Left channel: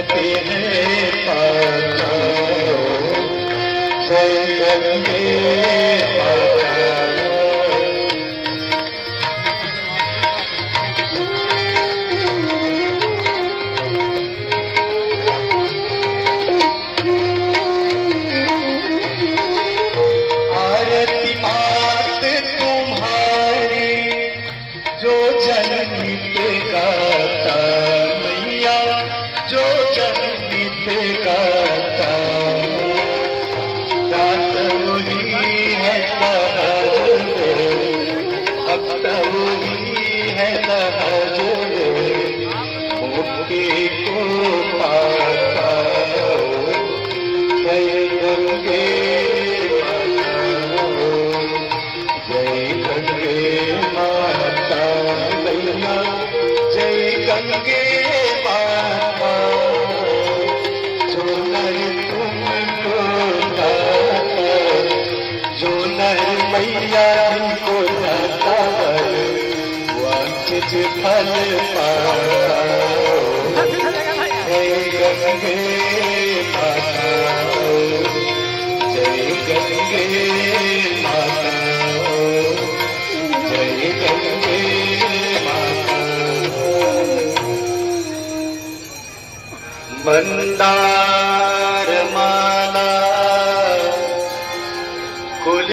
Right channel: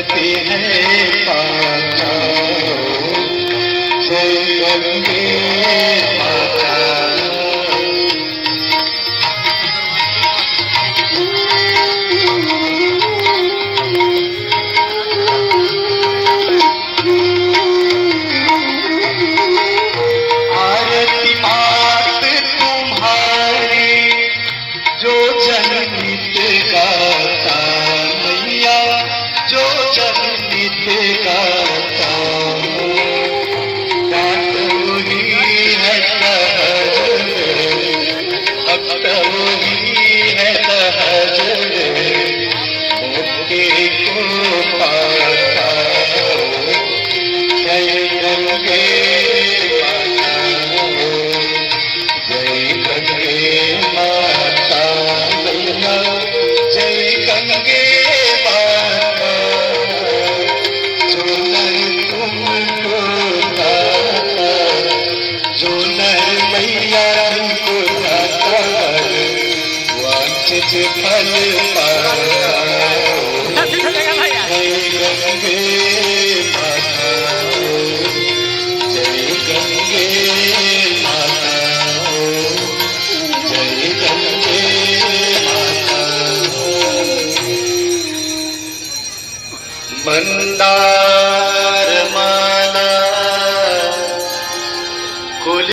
कहते हैं काका, जय गंगे माता। आरती मात तुम्हारी जो जननी गाता, मैया जो जननी गाता, बात वही है भक्त वही है मुक्ति को पाता। जय गंगे जय गंगे माता, जय गंगे माता, जो नर तुमको दाता, जो नर मैया तुमको दाता, वांछित फल पाता। जय गंगे